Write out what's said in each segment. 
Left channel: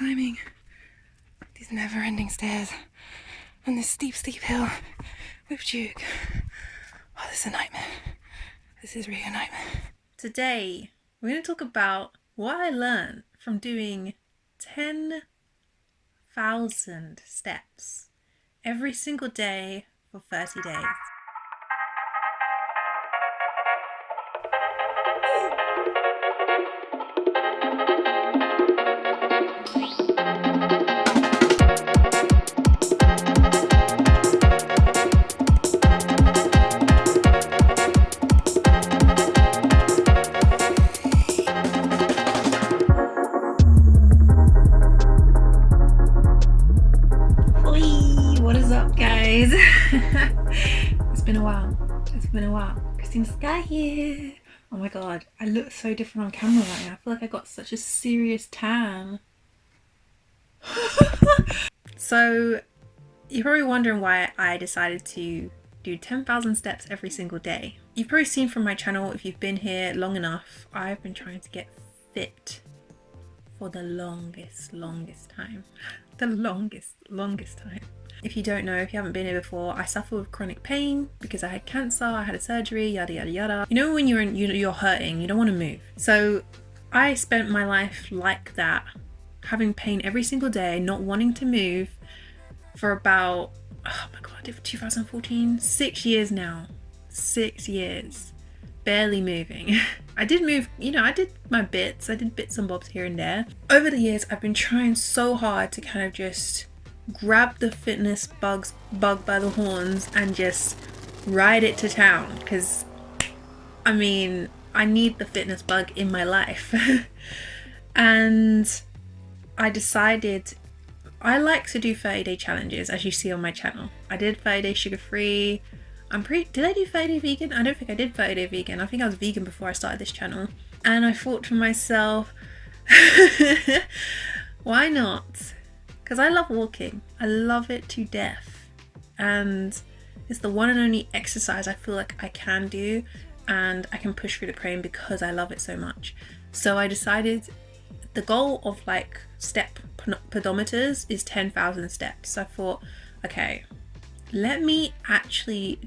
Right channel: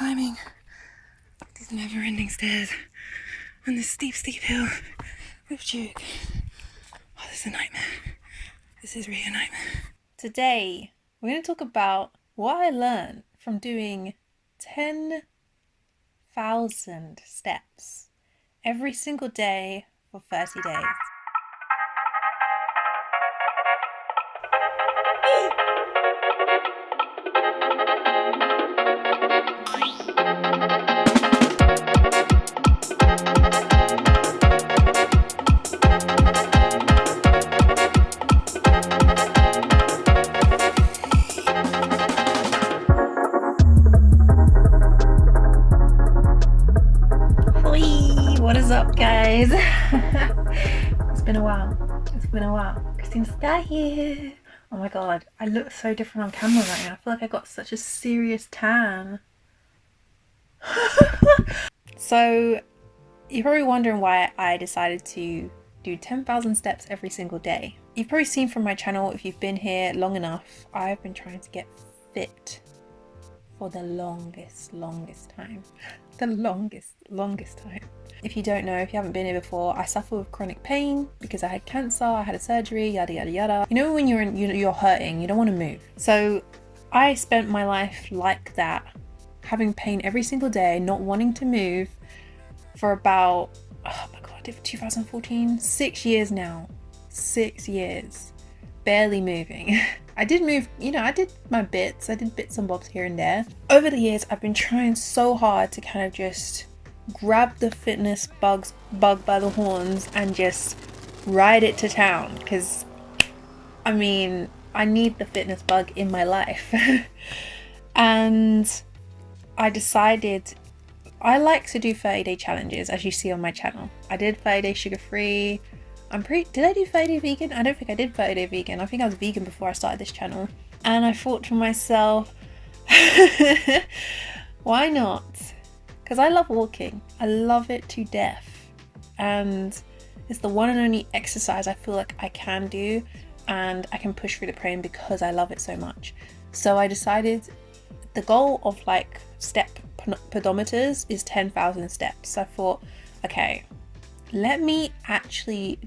climbing these never-ending stairs and this steep hill with Duke. Oh, this is a nightmare. This is really a nightmare. Today, we're going to talk about what I learned from doing 10,000 steps every single day for 30 days. It's been a while. Christina Sky here. Oh my god, I look so different on camera right now. I feel like I got such a serious tan. So, you're probably wondering why I decided to do 10,000 steps every single day. You've probably seen from my channel, if you've been here long enough, I've been trying to get fit for the longest time. The longest time. If you don't know, if you haven't been here before, I suffer with chronic pain because I had cancer, I had a surgery, yada yada yada. You know when you're hurting, you don't want to move. So I spent my life like that, having pain every single day, not wanting to move for about, oh my god, 2014, 6 years now. 6 years. Barely moving. I did move, I did my bits. I did bits and bobs here and there. Over the years, I've been trying so hard to kind of just grab the fitness bug by the horns and just ride it to town, because I need the fitness bug in my life. And I decided I like to do 30-day challenges, as you see on my channel. I did 30-day sugar-free. Did I do 30-day vegan? I don't think I did 30-day vegan. I think I was vegan before I started this channel. And I thought to myself, why not? Because I love walking. I love it to death. And it's the one and only exercise I feel like I can do, and I can push through the pain because I love it so much. So I decided the goal of step pedometers is 10,000 steps. So I thought, okay, let me actually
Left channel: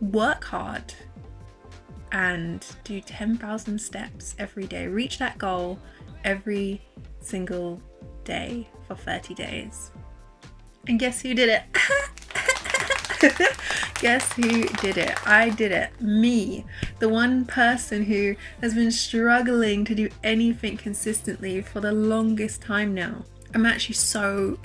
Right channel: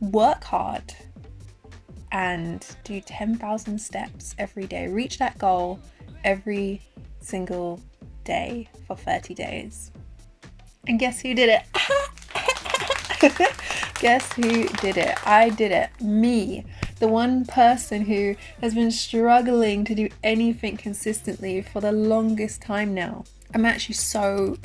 work hard and do 10,000 steps every day. Reach that goal every single day for 30 days. And guess who did it? Guess who did it? I did it. Me. The one person who has been struggling to do anything consistently for the longest time now. I'm actually so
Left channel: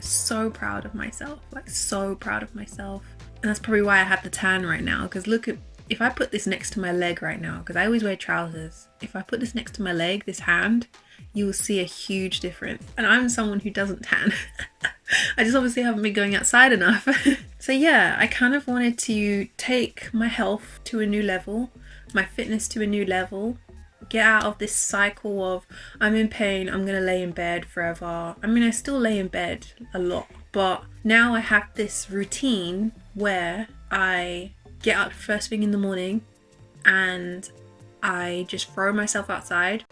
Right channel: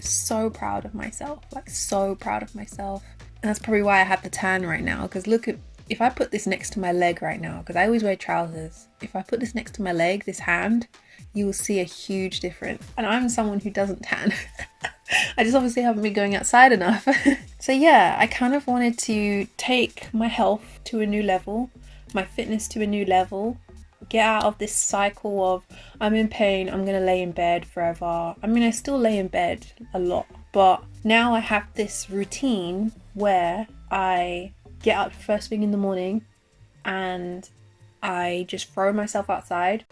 proud of myself. So proud of myself. And that's probably why I have the tan right now. Because look at, if I put this next to my leg right now, because I always wear trousers. If I put this next to my leg, this hand, you will see a huge difference. And I'm someone who doesn't tan. I just obviously haven't been going outside enough. So yeah, I kind of wanted to take my health to a new level, my fitness to a new level, get out of this cycle of I'm in pain, I'm gonna lay in bed forever. I still lay in bed a lot, but now I have this routine where I get up first thing in the morning and I just throw myself outside,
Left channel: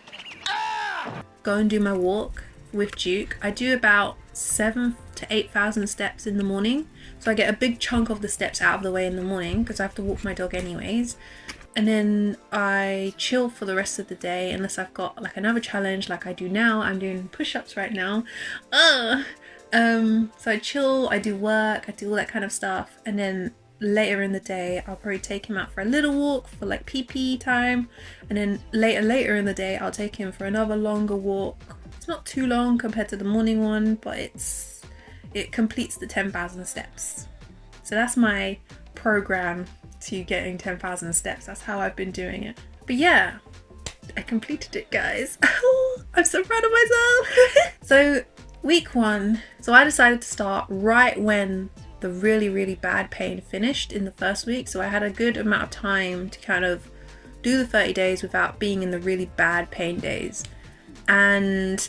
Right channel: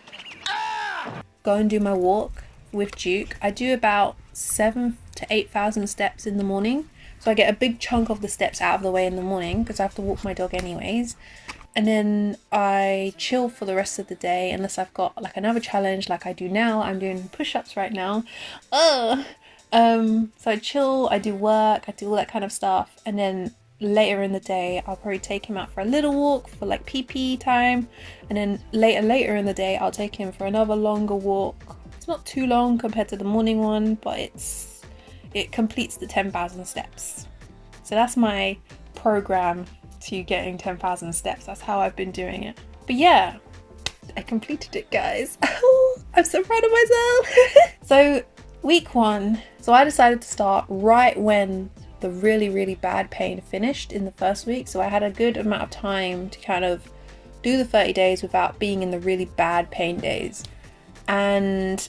go and do my walk with Duke. I do about 7,000 to 8,000 steps in the morning, so I get a big chunk of the steps out of the way in the morning because I have to walk my dog anyways. And then I chill for the rest of the day unless I've got another challenge like I do now. I'm doing push-ups right now. So I chill, I do work, I do all that kind of stuff, and then later in the day I'll probably take him out for a little walk for PP time, and then later in the day I'll take him for another longer walk. It's not too long compared to the morning one, but it completes the 10,000 steps. So that's my program to getting 10,000 steps. That's how I've been doing it. But yeah, I completed it, guys. I'm so proud of myself. So week 1, so I decided to start right when the really bad pain finished in the first week. So I had a good amount of time to kind of do the 30 days without being in the really bad pain days. And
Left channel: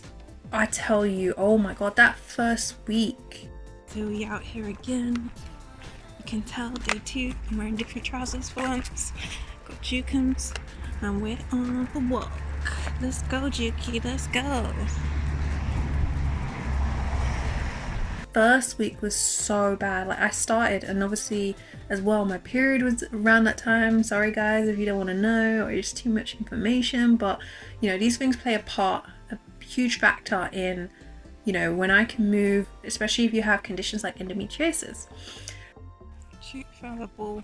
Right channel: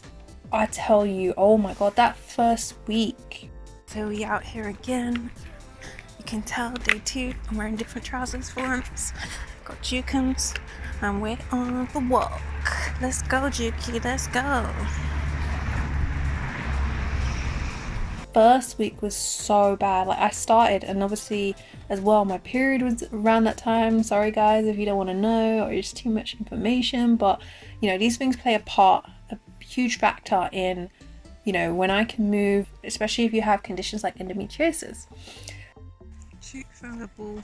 I tell you, oh my god, that first week. So we out here again. You can tell day 2, I'm wearing different trousers for once. Got Jukums and we're on the walk. Let's go, Juki, let's go. first week was so bad. Like I started, and obviously as well my period was around that time. Sorry guys if you don't want to know, or it's too much information, but you know, these things play a huge factor in, you know, when I can move, especially if you have conditions like endometriosis. Duke found a ball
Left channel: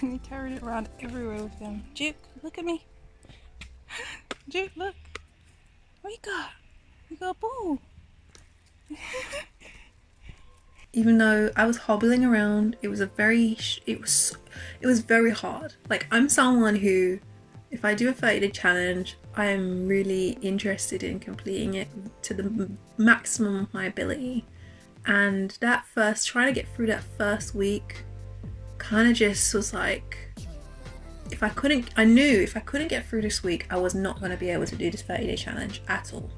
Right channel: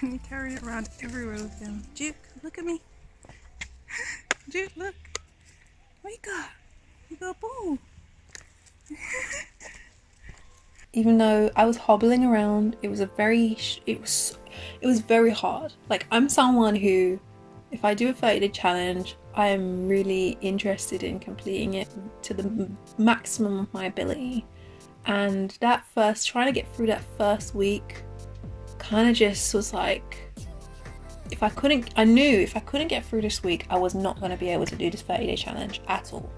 and he carried it around everywhere with him. Duke, look at me. Duke, look. What you got? You got a ball. Even though I was hobbling around, it was very hard. Like I'm someone who, if I do a 30-day challenge, I am really interested in completing it to the maximum of my ability. And trying to get through that first week kind of just was like, I knew if I couldn't get through this week, I was not going to be able to do this 30-day challenge at all.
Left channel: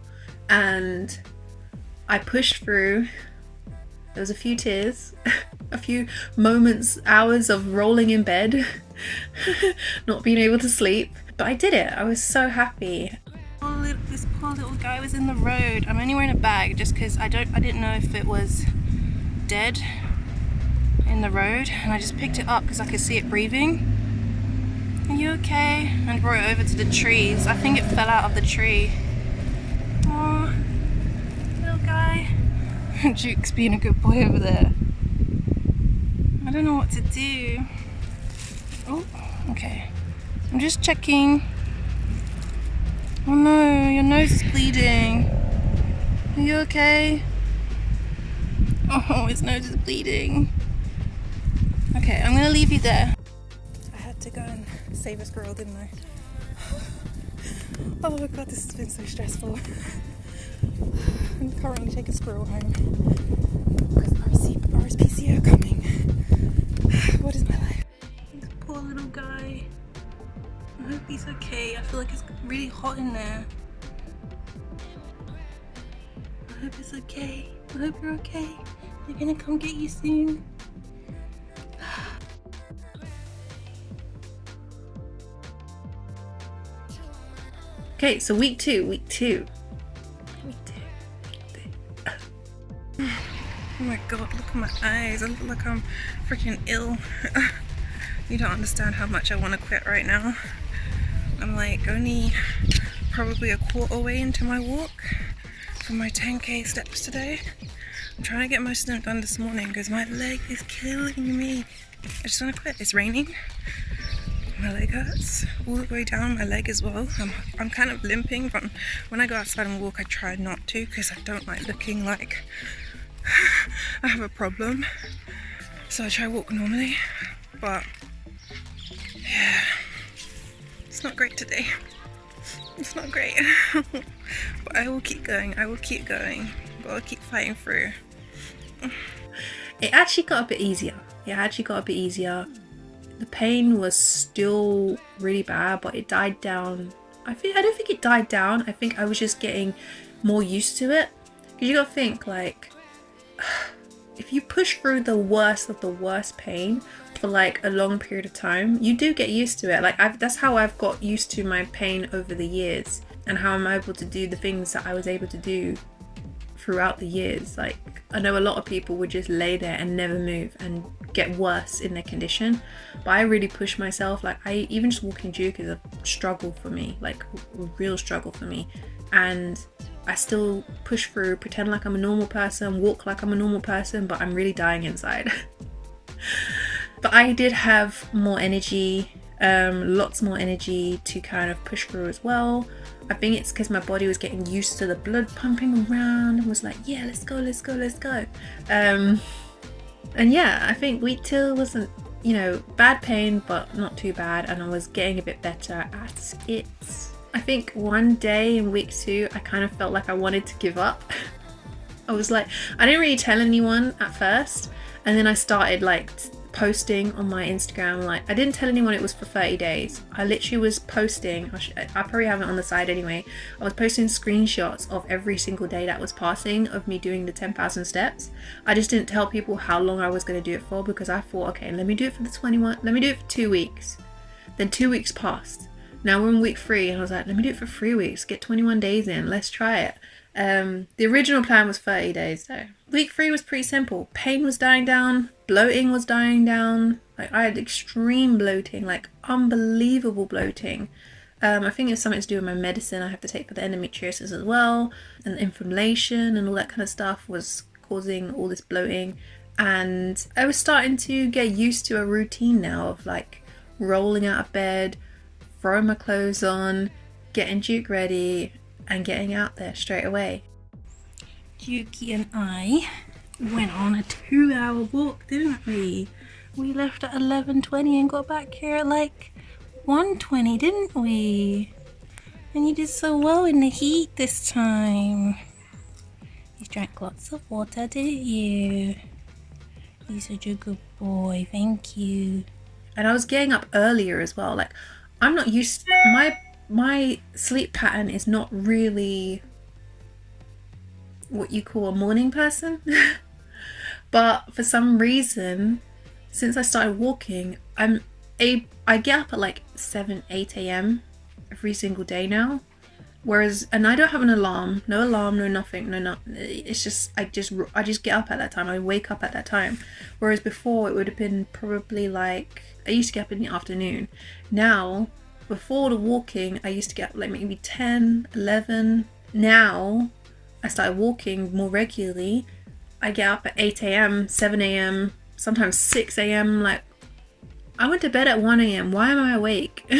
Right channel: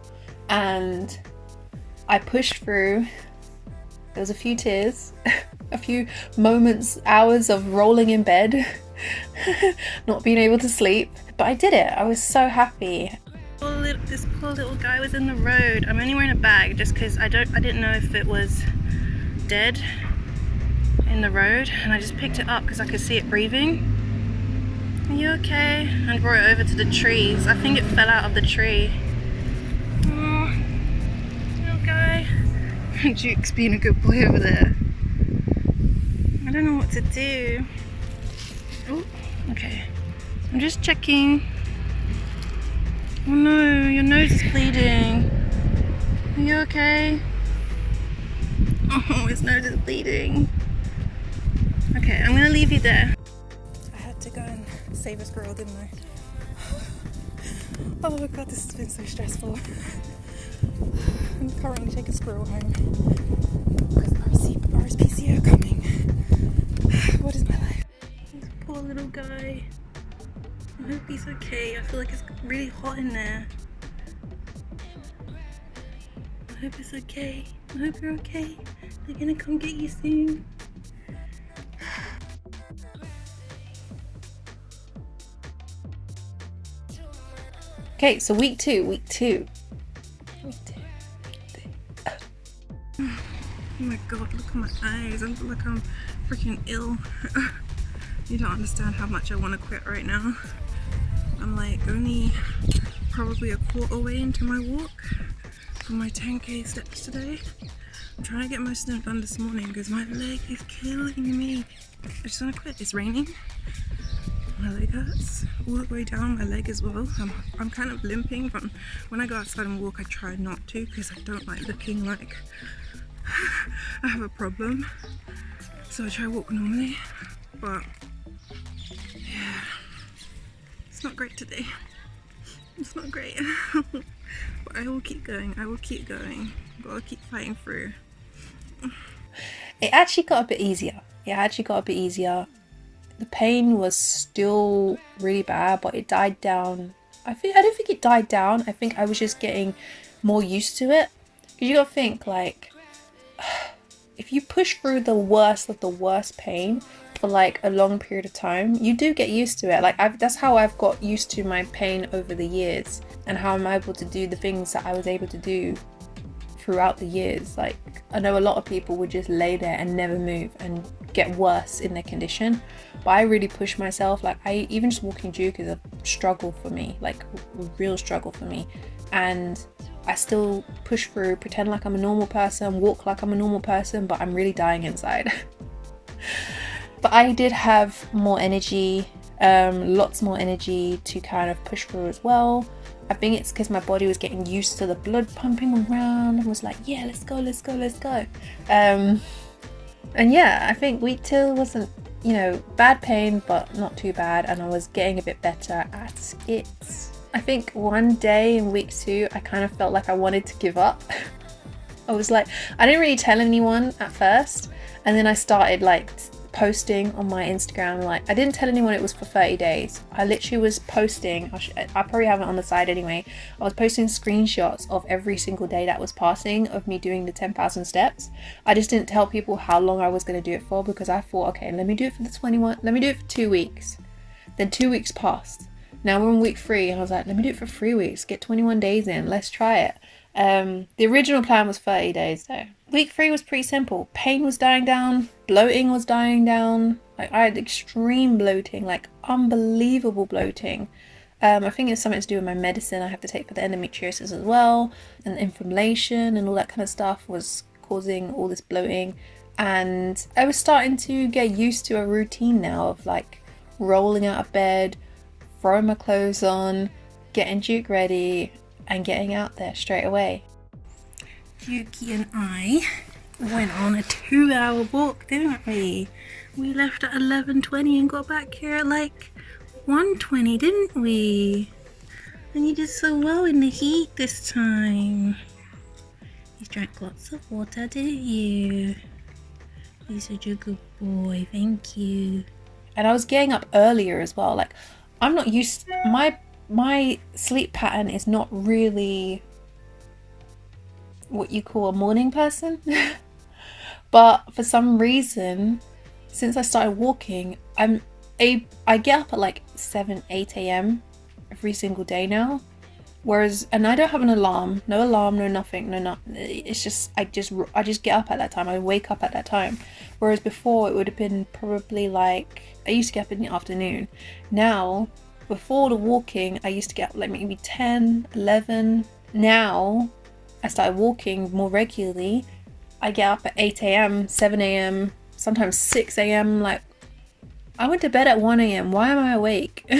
And I pushed through. There was a few tears, a few moments, hours of rolling in bed, not being able to sleep, but I did it. I was so happy. This poor little guy was in the road. I'm only wearing a bag just because I didn't know if it was dead in the road, and I just picked it up because I could see it breathing. Are you okay? And brought it over to the trees. I think it fell out of the tree. Oh, little guy. Duke's being a good boy over there. I don't know what to do. Oh, okay. I'm just checking. Oh no, your nose is bleeding. Are you okay? Oh, his nose is bleeding. Okay, I'm gonna leave you there. I had to go and save a squirrel, didn't I? Oh my god, this has been so stressful. I'm currently taking a squirrel home because RSPCA are coming. What is my life? This poor little guy. I hope he's okay. I feel like it's really hot in there. I hope it's okay. I hope you're okay. They're gonna come get you soon. Okay, so week two. Oh my god, look at my eyes. I look like I'm freaking ill. You don't understand how much I want to quit right now. I'm like only probably a quarter way into my walk from my 10k steps today. I'm trying to get most of them done this morning because my leg is killing me. I just want to quit. It's raining. My leg hurts all the way down my leg as well. I'm kind of limping from when I go outside and walk. I try not to because I don't like looking like I have a problem, so I try to walk normally, but yeah, it's not great today. It's not great. But I will keep going. But I'll keep fighting through. It actually got a bit easier. The pain was still really bad, but it died down. I don't think it died down. I think I was just getting more used to it. Because you gotta think, like, if you push through the worst of the worst pain for like a long period of time, you do get used to it. Like that's how I've got used to my pain over the years, and how I'm able to do the things that I was able to do throughout the years. Like I know a lot of people would just lay there and never move and get worse in their condition, but I really push myself. Like even just walking Duke is a struggle for me, like a real struggle for me, and I still push through, pretend like I'm a normal person, walk like I'm a normal person, but I'm really dying inside. But I did have more energy, lots more energy to kind of push through as well. I think it's because my body was getting used to the blood pumping around and was like, yeah, let's go. And yeah, I think week 2 wasn't, bad pain, but not too bad. And I was getting a bit better at it. I think one day in week 2, I kind of felt like I wanted to give up. I was like, I didn't really tell anyone at first. And then I started like posting on my Instagram. Like I didn't tell anyone it was for 30 days. I literally was posting, I probably have it on the side anyway. I was posting screenshots of every single day that was passing of me doing the 10,000 steps. I just didn't tell people how long I was going to do it for, because I thought, okay, let me do it for the 21, let me do it for 2 weeks. Then 2 weeks passed. Now we're in week 3 and I was like, let me do it for 3 weeks, get 21 days in, let's try it. The original plan was 30 days though. Week 3 was pretty simple. Pain was dying down, bloating was dying down. Like I had extreme bloating, like unbelievable bloating. I think it's something to do with my medicine I have to take for the endometriosis as well, and inflammation and all that kind of stuff was causing all this bloating. And I was starting to get used to a routine now of like rolling out of bed, throwing my clothes on, getting Duke ready, and getting out there straight away. Dukey and I went on a 2-hour walk, didn't we? We left at 11:20 and got back here at like 1:20, didn't we? And you did so well in the heat this time. You drank lots of water, didn't you? You're such a good boy, thank you. And I was getting up earlier as well. Like I'm not used to, my sleep pattern is not really what you call a morning person. But for some reason, since I started walking, I get up at like 7-8 a.m. every single day now. Whereas, and I don't have an alarm, no nothing, it's just I just get up at that time. I wake up at that time. Whereas before it would have been probably like, I used to get up in the afternoon. Now, before the walking, I used to get up like maybe 10, 11. Now, I started walking more regularly. I get up at 8 a.m, 7 a.m, sometimes 6 a.m. Like, I went to bed at 1 a.m. Why am I awake?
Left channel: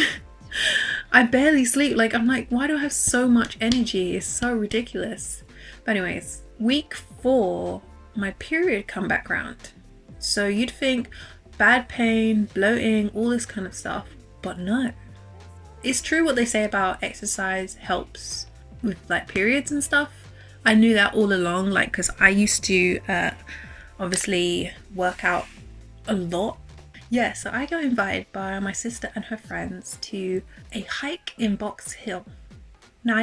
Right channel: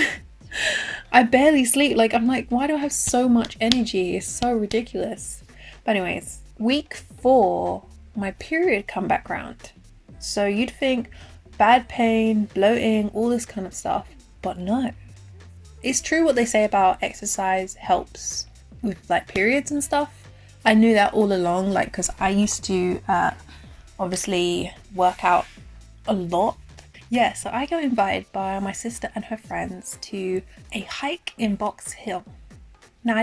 I barely sleep. Like, I'm like, why do I have so much energy? It's so ridiculous. But anyways, week 4, my period come back round. So you'd think bad pain, bloating, all this kind of stuff. But no. It's true what they say about exercise helps with like periods and stuff. I knew that all along, like, because I used to obviously work out a lot. Yeah, so I got invited by my sister and her friends to a hike in Box Hill. Now, I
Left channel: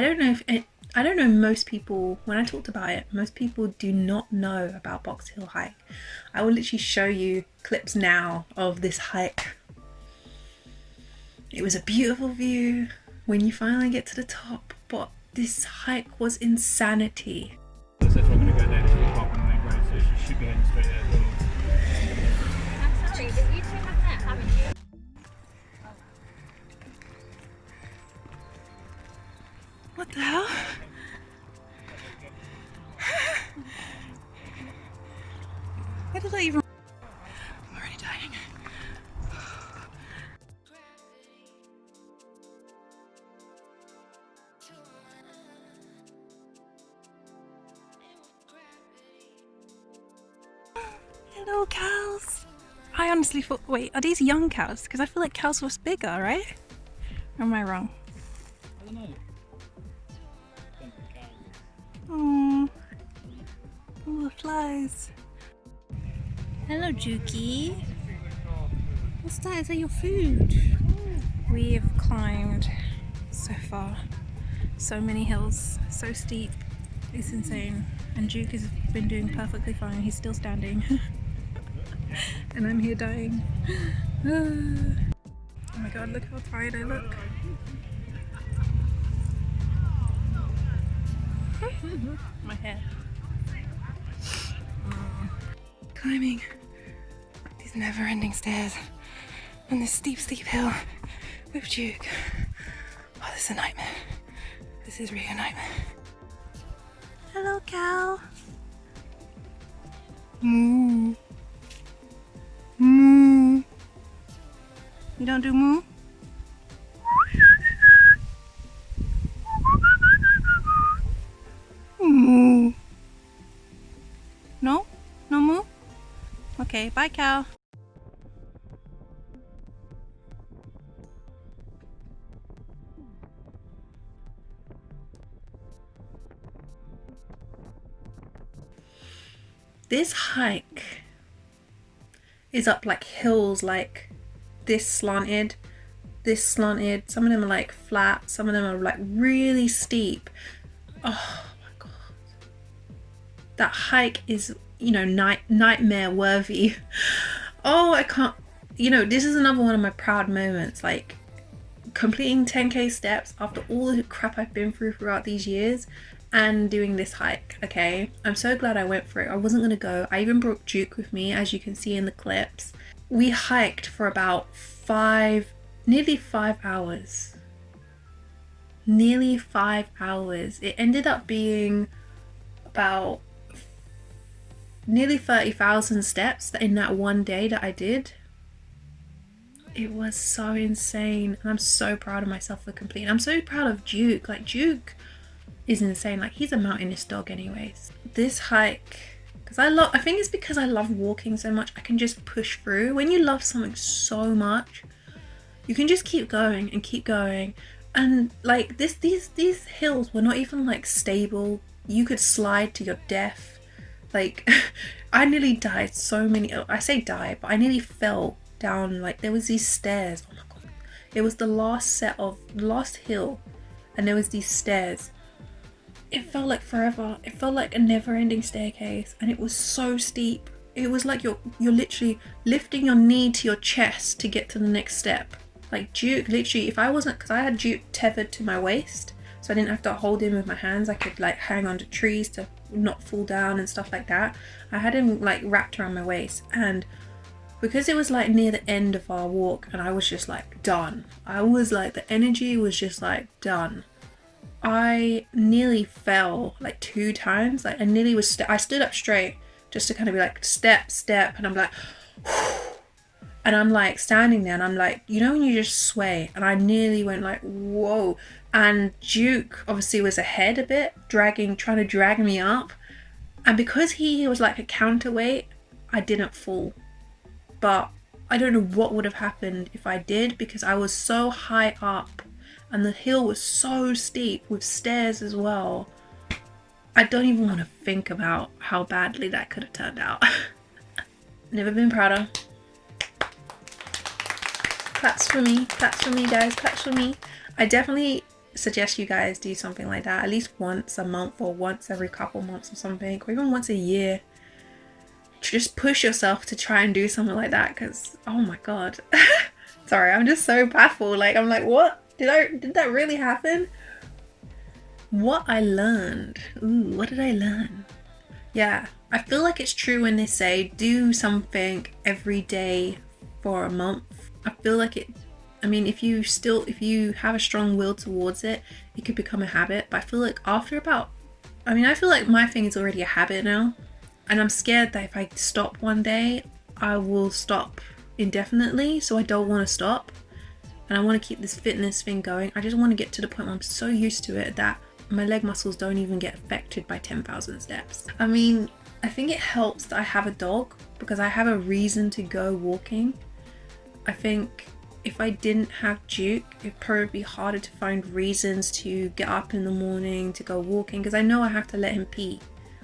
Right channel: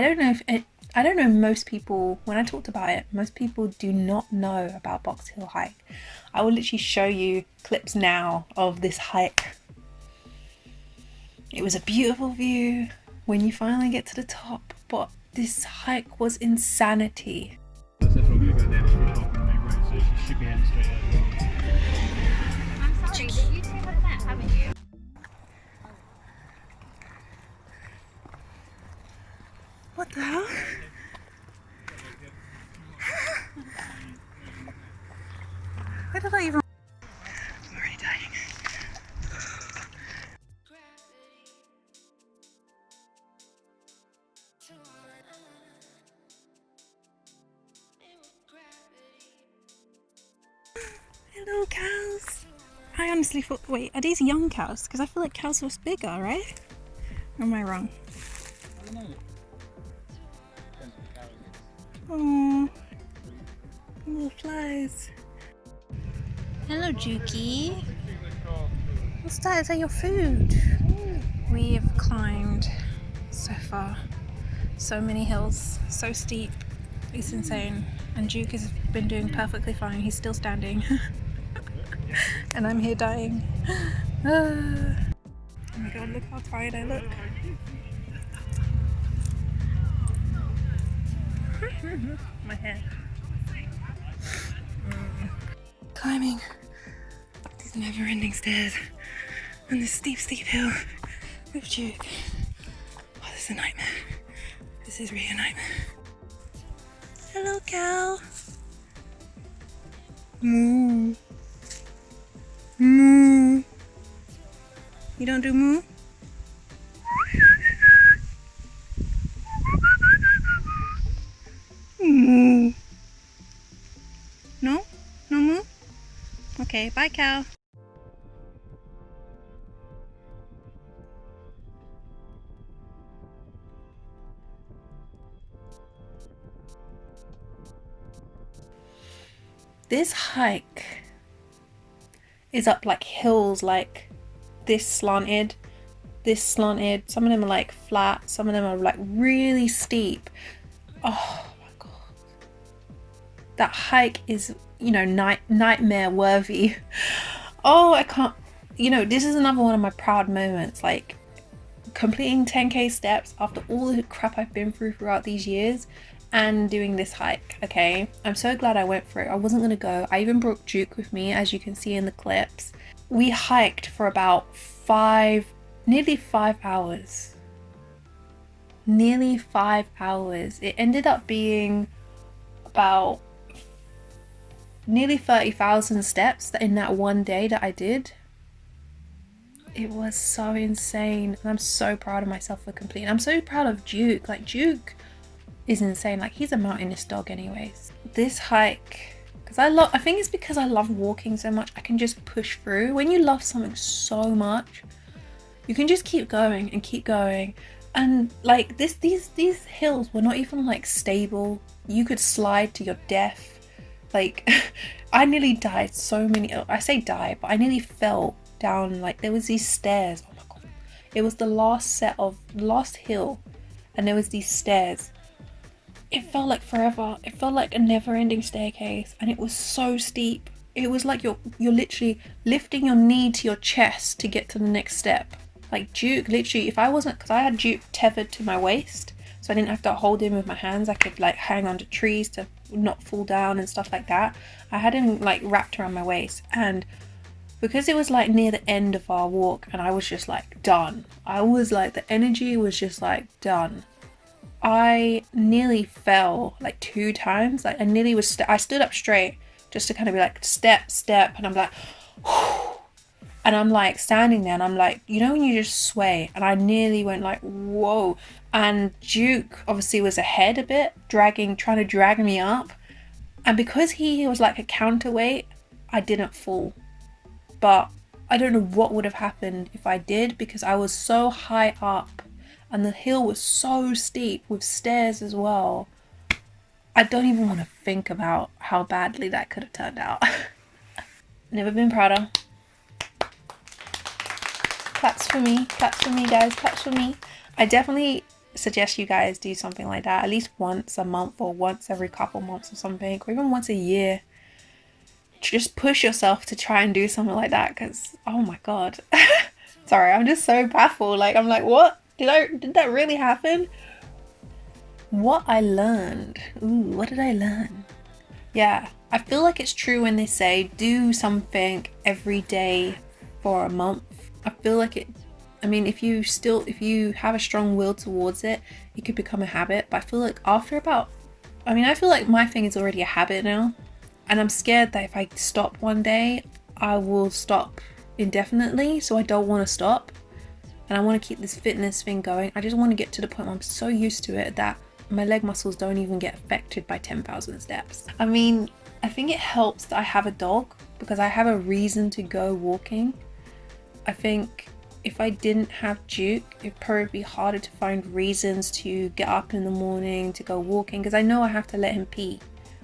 don't know most people, when I talked about it, most people do not know about Box Hill hike. I will literally show you clips now of this hike. It was a beautiful view when you finally get to the top, but this hike was insanity. So if I'm going to go down to the park on the main road, so she should be heading straight out. What the hell? Where did I even... I'm already dying. Hello, cows. I honestly thought, wait, are these young cows? Because I feel like cows was bigger, right? Or am I wrong? I don't know. Oh, all the flies. Hello, Dukey. What's that? Is that your food? We have climbed so far, so many hills, so steep. It's insane. And Duke has been doing perfectly fine. He's still standing. And I'm here dying. Oh my god, look how tired I look. My hair. Climbing these never-ending stairs and this steep hill with Duke. Oh, this is a nightmare. This is really a nightmare. Hello, cow. Moo. Moo. You don't do moo? Moo. No? No moo? Okay, bye, cow. This hike is up like hills, like this slanted, some of them are like flat, some of them are like really steep. Oh my god, that hike is, you know, nightmare worthy. Oh, I can't, you know, this is another one of my proud moments, like completing 10k steps after all the crap I've been through throughout these years. and doing this hike. Okay, I'm so glad I went for it. I wasn't gonna go. I even brought Duke with me, as you can see in the clips. We hiked for about nearly 5 hours. Nearly 5 hours. It ended up being about nearly 30,000 steps in that one day that I did. It was so insane, and I'm so proud of myself for completing. I'm so proud of Duke. Like, Duke is insane. Like, he's a mountainous dog anyways. This hike, because I think it's because I love walking so much, I can just push through. When you love something so much, you can just keep going and keep going. And like these hills were not even like stable. You could slide to your death. Like, I nearly died I say die, but I nearly fell down. Like, there was these stairs. Oh my god, it was the last hill, and there was these stairs. It felt like forever. It felt like a never-ending staircase, and it was so steep. It was like you're literally lifting your knee to your chest to get to the next step. Like, Duke, literally, because I had Duke tethered to my waist, so I didn't have to hold him with my hands. I could like hang onto trees to not fall down and stuff like that. I had him like wrapped around my waist, and because it was like near the end of our walk, and I was just like done. I was like, the energy was just like done. I nearly fell like 2 times. Like, I nearly was. I stood up straight just to kind of be like step, and I'm like, and I'm like standing there, and I'm like, you know when you just sway, and I nearly went like, whoa. And Duke obviously was ahead a bit, trying to drag me up, and because he was like a counterweight, I didn't fall. But I don't know what would have happened if I did, because I was so high up and the hill was so steep with stairs as well. I don't even want to think about how badly that could have turned out. Never been prouder. Claps for me guys, claps for me. I definitely suggest you guys do something like that at least once a month, or once every couple months or something, or even once a year. Just push yourself to try and do something like that, because oh my god. Sorry, I'm just so baffled. Like, I'm like, what? Did that really happen? What I learned. Ooh, what did I learn? Yeah, I feel like it's true when they say do something every day for a month. I feel like it, I mean, if you have a strong will towards it, it could become a habit. But I feel like I feel like my thing is already a habit now. And I'm scared that if I stop one day, I will stop indefinitely. So I don't want to stop. And I want to keep this fitness thing going. I just want to get to the point where I'm so used to it that my leg muscles don't even get affected by 10,000 steps. I mean, I think it helps that I have a dog, because I have a reason to go walking. I think if I didn't have Duke, it'd probably be harder to find reasons to get up in the morning to go walking, because I know I have to let him pee.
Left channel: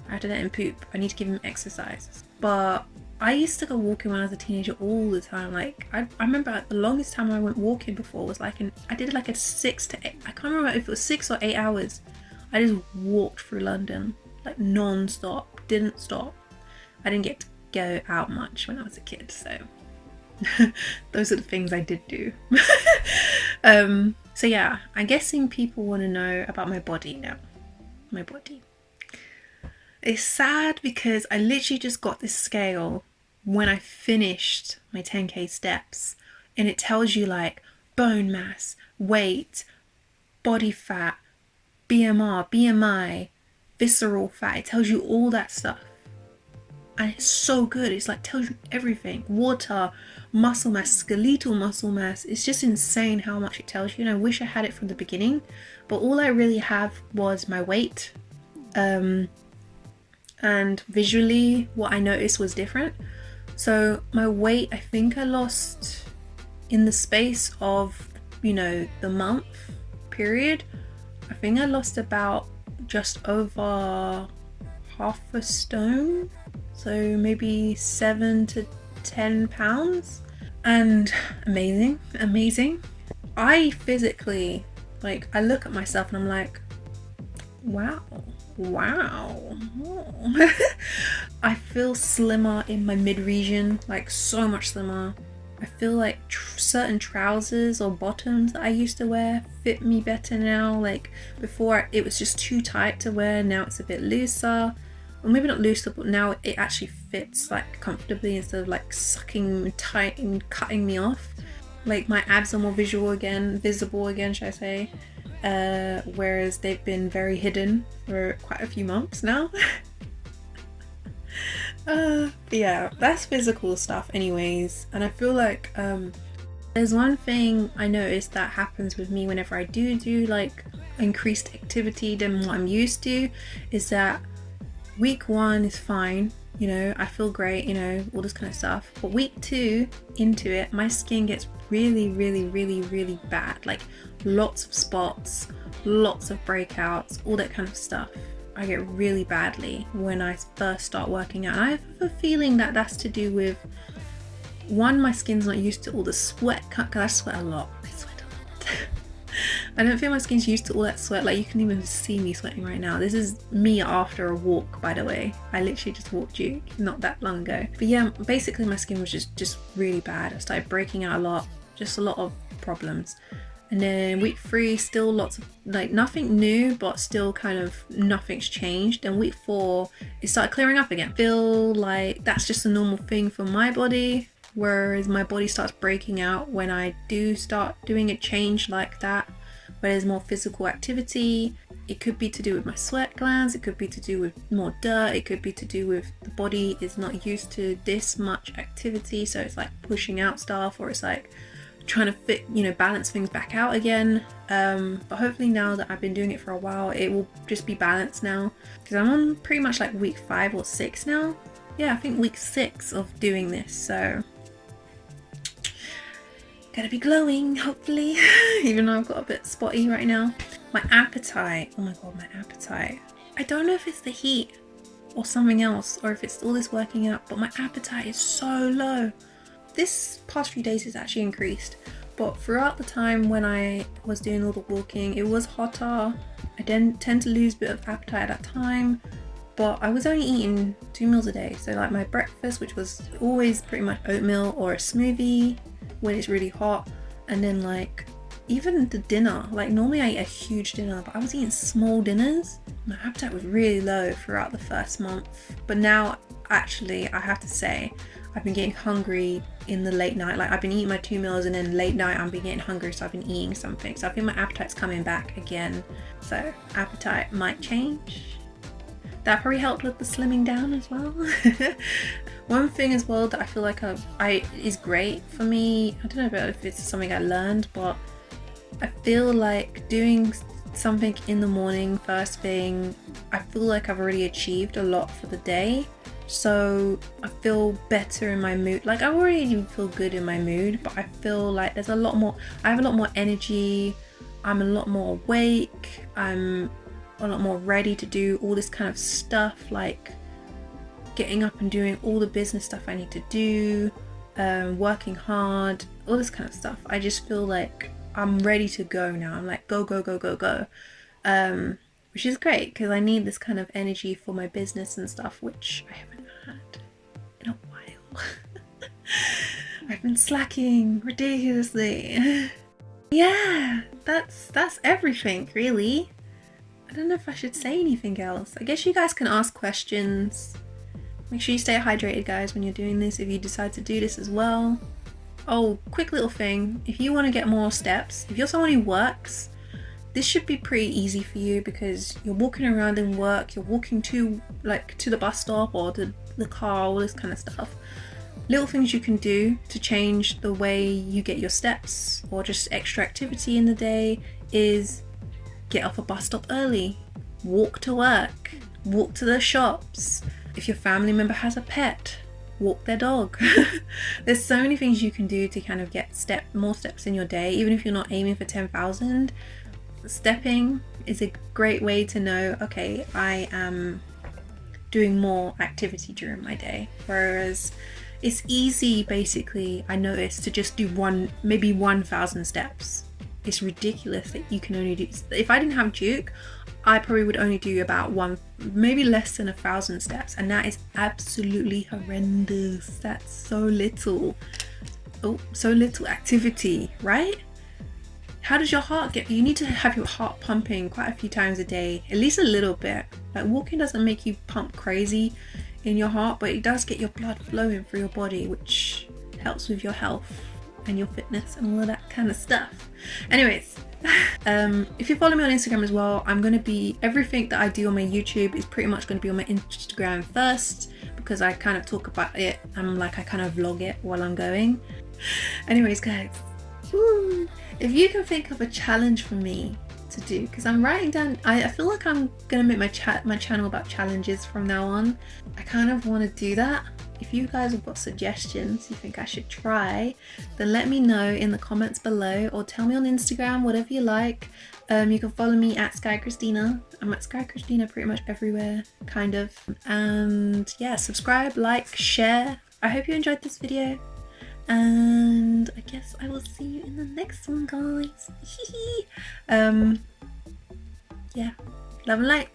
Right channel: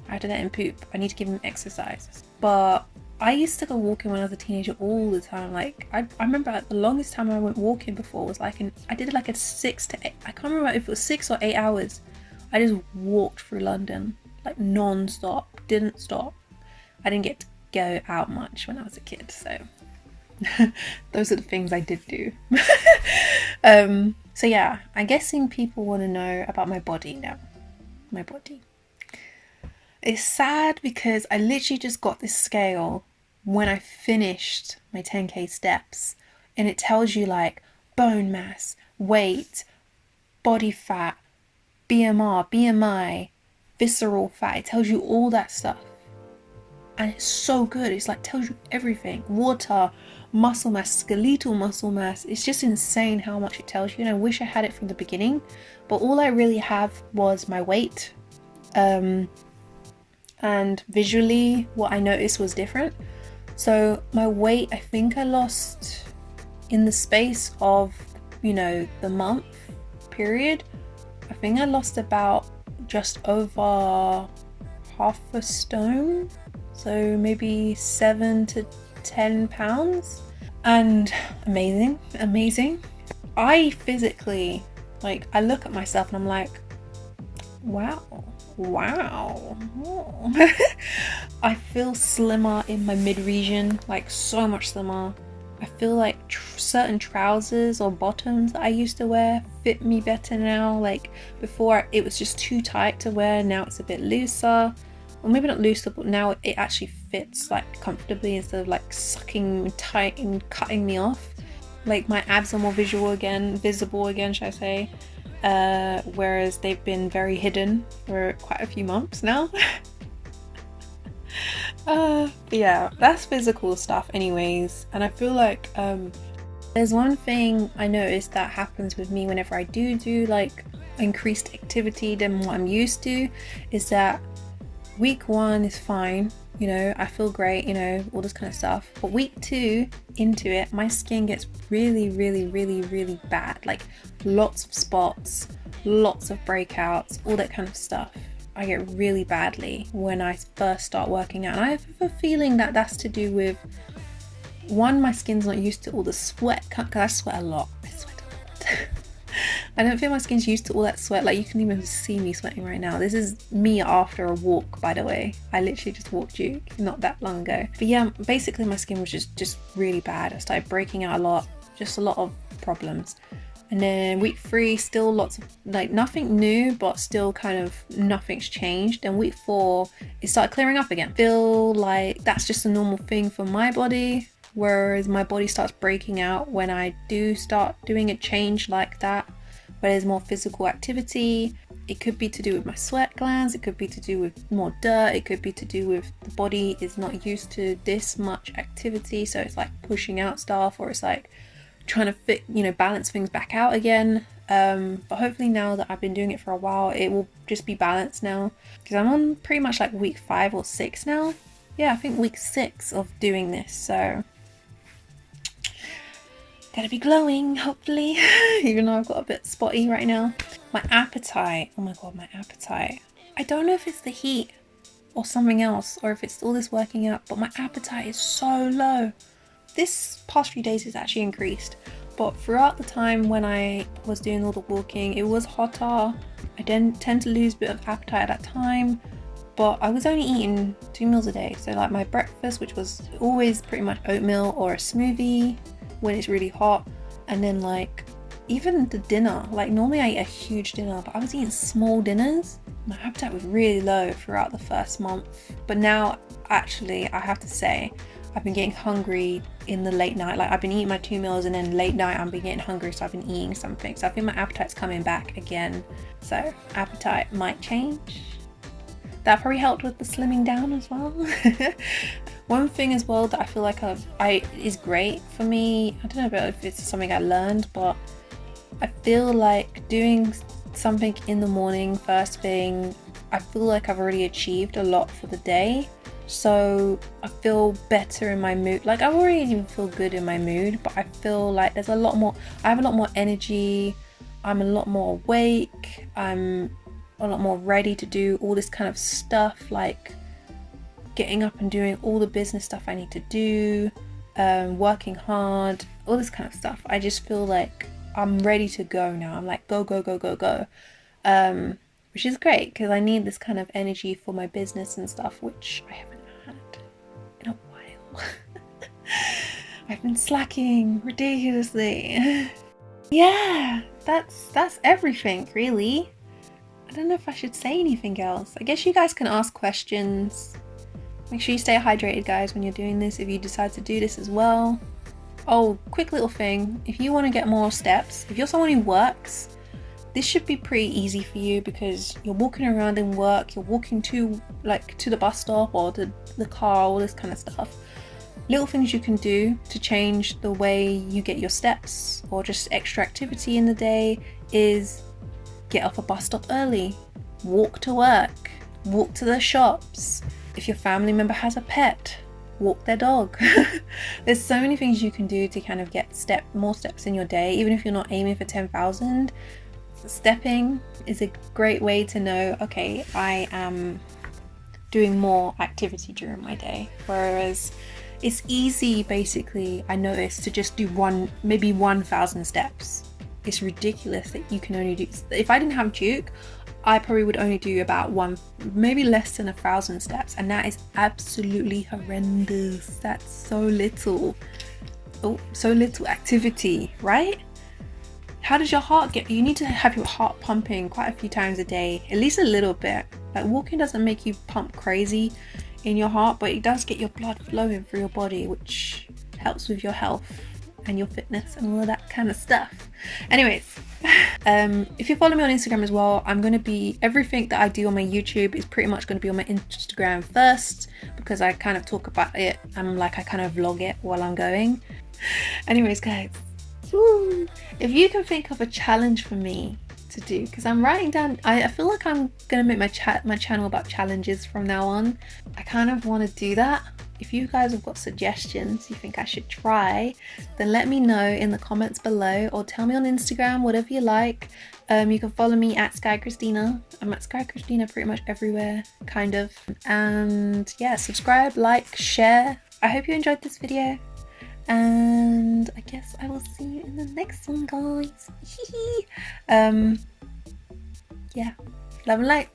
I have to let him poop. I need to give him exercise. But I used to go walking when I was a teenager all the time. Like, I remember the longest time I went walking before was like I did like a 6 to 8, I can't remember if it was 6 or 8 hours. I just walked through London like non-stop, didn't stop. I didn't get to go out much when I was a kid, so those are the things I did do. So yeah, I'm guessing people want to know about my body now. My body. It's sad because I literally just got this scale when I finished my 10k steps, and it tells you like bone mass, weight, body fat, BMI, visceral fat. It tells you all that stuff, and it's so good. It's like tells you everything. Water, muscle mass, skeletal muscle mass. It's just insane how much it tells you, and I wish I had it from the beginning, but all I really have was my weight. And visually what I noticed was different. So my weight, I think I lost in the space of, the month period, I think I lost about just over half a stone, so maybe 7 to 10 pounds. And amazing. I physically, like, I look at myself and I'm like, wow. I feel slimmer in my mid region, like so much slimmer. I feel like certain trousers or bottoms that I used to wear fit me better now. Like before it was just too tight to wear, now it's a bit looser. Or maybe not looser, but now it actually fits like comfortably instead of like sucking tight and cutting me off. Like my abs are more visible again, should I say. Whereas they've been very hidden for quite a few months now. Yeah, that's physical stuff anyways. And I feel like there's one thing I noticed that happens with me whenever I do like increased activity than what I'm used to, is that week 1 is fine, you know, I feel great, you know, all this kind of stuff. But week 2 into it, my skin gets really bad. Like lots of spots, lots of breakouts, all that kind of stuff. I get really badly when I first start working out. And I have a feeling that that's to do with, one, my skin's not used to all the sweat, because I sweat a lot. I don't think my skin's used to all that sweat. Like you can even see me sweating right now. This is me after a walk, by the way. I literally just walked Duke not that long ago. But yeah, basically my skin was just really bad. I started breaking out a lot, just a lot of problems. And then week 3, still lots of like nothing new, but still kind of nothing's changed. And week 4, it started clearing up again. Feel like that's just a normal thing for my body, whereas my body starts breaking out when I do start doing a change like that, where there's more physical activity. It could be to do with my sweat glands, it could be to do with more dirt, it could be to do with the body is not used to this much activity, so it's like pushing out stuff, or it's like trying to fit, you know, balance things back out again. But hopefully now that I've been doing it for a while, it will just be balanced now, because I'm on pretty much like week 5 or 6 now. Yeah, I think week 6 of doing this, so gonna be glowing hopefully. Even though I've got a bit spotty right now. My appetite, oh my god, my appetite, I don't know if it's the heat or something else, or if it's all this working out, but my appetite is so low. This past few days it's actually increased, but throughout the time when I was doing all the walking, it was hotter. I didn't tend to lose a bit of appetite at that time, but I was only eating 2 meals a day. So like my breakfast, which was always pretty much oatmeal or a smoothie when it's really hot, and then like even the dinner, like normally I eat a huge dinner, but I was eating small dinners. My appetite was really low throughout the first month, but now actually I have to say I've been getting hungry in the late night. Like I've been eating my 2 meals, and then late night I've been getting hungry, so I've been eating something. So I think my appetite's coming back again, so appetite might change. That probably helped with the slimming down as well. One thing as well that I feel like is great for me, I don't know if it's something I learned, but I feel like doing something in the morning first thing, I feel like I've already achieved a lot for the day. So I feel better in my mood. Like I already even feel good in my mood, but I feel like there's a lot more, I have a lot more energy, I'm a lot more awake, I'm a lot more ready to do all this kind of stuff, like getting up and doing all the business stuff I need to do, working hard, all this kind of stuff. I just feel like I'm ready to go now. I'm like go, which is great because I need this kind of energy for my business and stuff, which I haven't had in a while. I've been slacking ridiculously. Yeah, that's everything really. I don't know if I should say anything else. I guess you guys can ask questions. Make sure you stay hydrated, guys, when you're doing this, if you decide to do this as well. Oh, quick little thing. If you want to get more steps, if you're someone who works, this should be pretty easy for you because you're walking around in work, you're walking to the bus stop or to the car, all this kind of stuff. Little things you can do to change the way you get your steps or just extra activity in the day is get off a bus stop early, walk to work, walk to the shops. If your family member has a pet, walk their dog. There's so many things you can do to kind of get more steps in your day, even if you're not aiming for 10,000. Stepping is a great way to know, okay, I am doing more activity during my day. Whereas it's easy, basically, I noticed, to just do maybe 1,000 steps. It's ridiculous that you can only do, if I didn't have Duke, I probably would only do about maybe less than 1,000 steps, and that is absolutely horrendous. That's so little. so little activity, right? How does your heart get? You need to have your heart pumping quite a few times a day, at least a little bit. Like walking doesn't make you pump crazy in your heart, but it does get your blood flowing through your body, which helps with your health and your fitness and all that kind of stuff. Anyways, if you follow me on Instagram as well, I'm going to be, everything that I do on my YouTube is pretty much going to be on my Instagram first, because I kind of talk about it and like I kind of vlog it while I'm going. Anyways guys, if you can think of a challenge for me to do, because I'm writing down, I feel like I'm gonna make my channel about challenges from now on. I kind of want to do that. If you guys have got suggestions you think I should try, then let me know in the comments below, or tell me on Instagram, whatever you like. You can follow me at Sky Christina. I'm at Sky Christina pretty much everywhere, kind of. And yeah, subscribe, like, share. I hope you enjoyed this video, and I guess I will see you in the next one, guys. Yeah, love and light.